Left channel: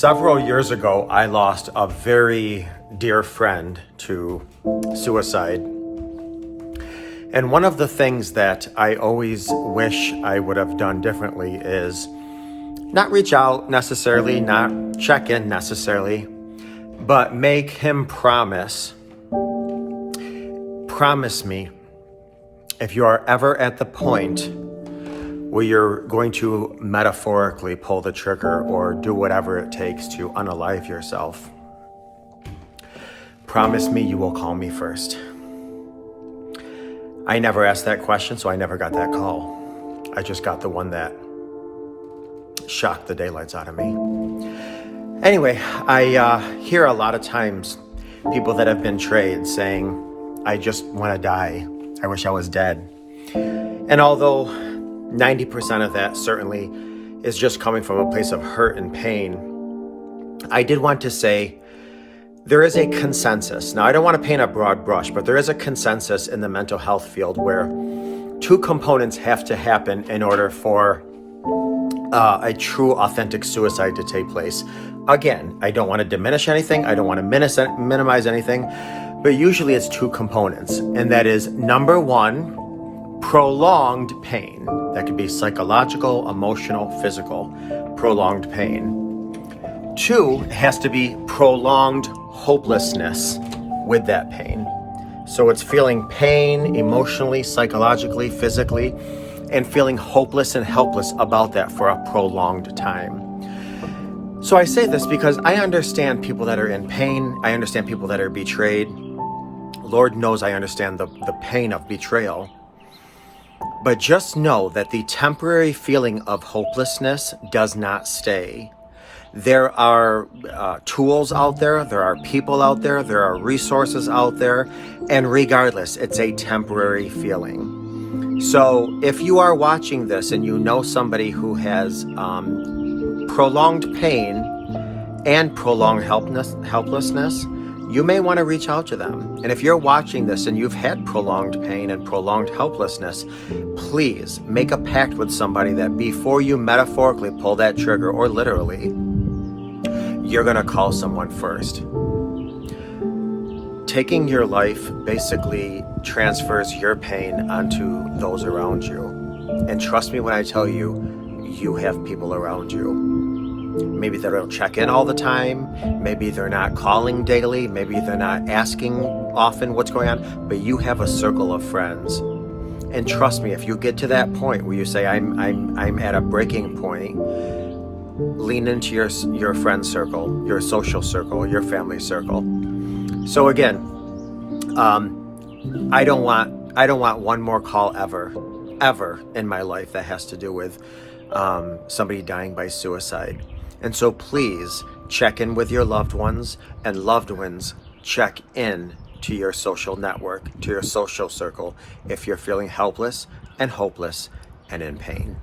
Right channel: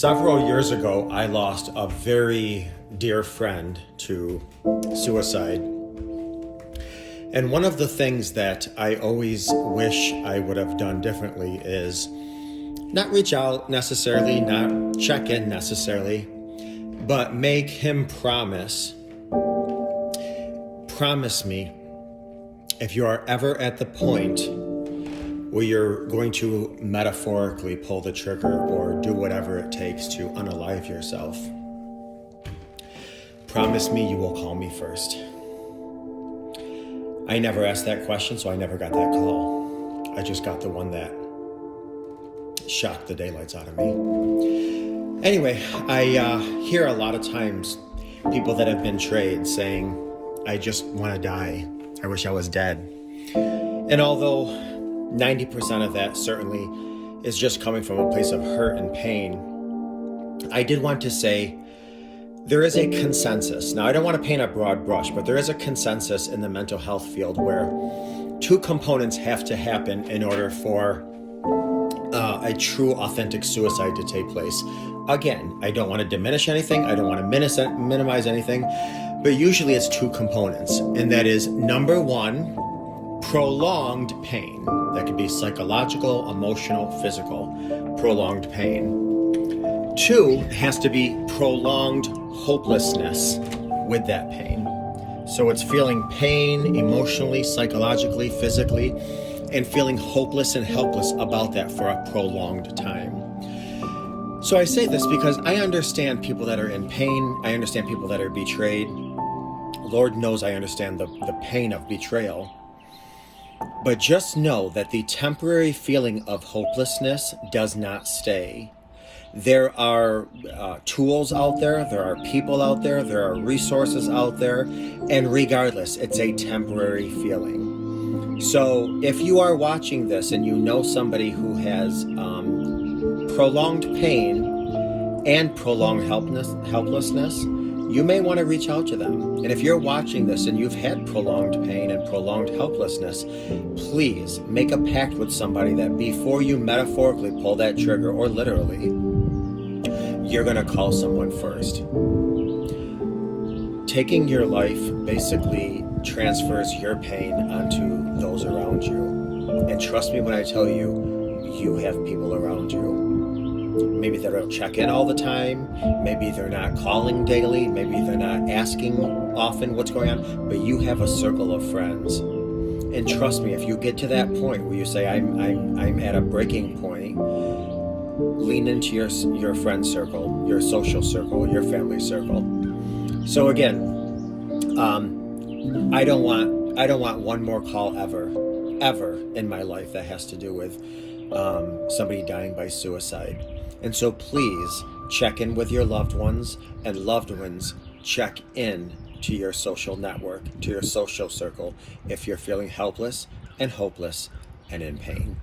Several years ago, I lost a very dear friend to suicide. And one of the things that I always wish I would have done differently is not reach out necessarily, not check in necessarily, but make him promise me if you are ever at the point where you're going to metaphorically pull the trigger or do whatever it takes to unalive yourself, promise me you will call me first. I never asked that question, so I never got that call. I just got the one that shocked the daylights out of me. Anyway, I hear a lot of times people that have been betrayed saying, I just want to die. I wish I was dead. And although 90% of that certainly is just coming from a place of hurt and pain, I did want to say there is a consensus. Now, I don't want to paint a broad brush, but there is a consensus in the mental health field where two components have to happen in order for a true, authentic suicide to take place. Again, I don't want to diminish anything. I don't want to minimize anything, but usually it's two components. And that is, number one, prolonged pain. That could be psychological, emotional, physical, prolonged pain. Two, has to be prolonged hopelessness with that pain. So it's feeling pain emotionally, psychologically, physically, and feeling hopeless and helpless about that for a prolonged time. So I say this because I understand people that are in pain. I understand people that are betrayed. Lord knows I understand the pain of betrayal. But just know that the temporary feeling of hopelessness does not stay. There are tools out there, there are people out there, there are resources out there, and regardless, it's a temporary feeling. So if you are watching this and you know somebody who has prolonged pain and prolonged helplessness, you may want to reach out to them. And if you're watching this and you've had prolonged pain and prolonged helplessness, please make a pact with somebody that before you metaphorically pull that trigger, or literally, you're going to call someone first. Taking your life basically transfers your pain onto those around you. And trust me when I tell you, you have people around you. Maybe they don't check in all the time. Maybe they're not calling daily. Maybe they're not asking often what's going on. But you have a circle of friends. And trust me, if you get to that point where you say, I'm at a breaking point, lean into your friend circle, your social circle, your family circle. So again, I don't want one more call ever in my life that has to do with somebody dying by suicide. And so please check in with your loved ones, and loved ones check in to your social network, to your social circle, if you're feeling helpless and hopeless and in pain.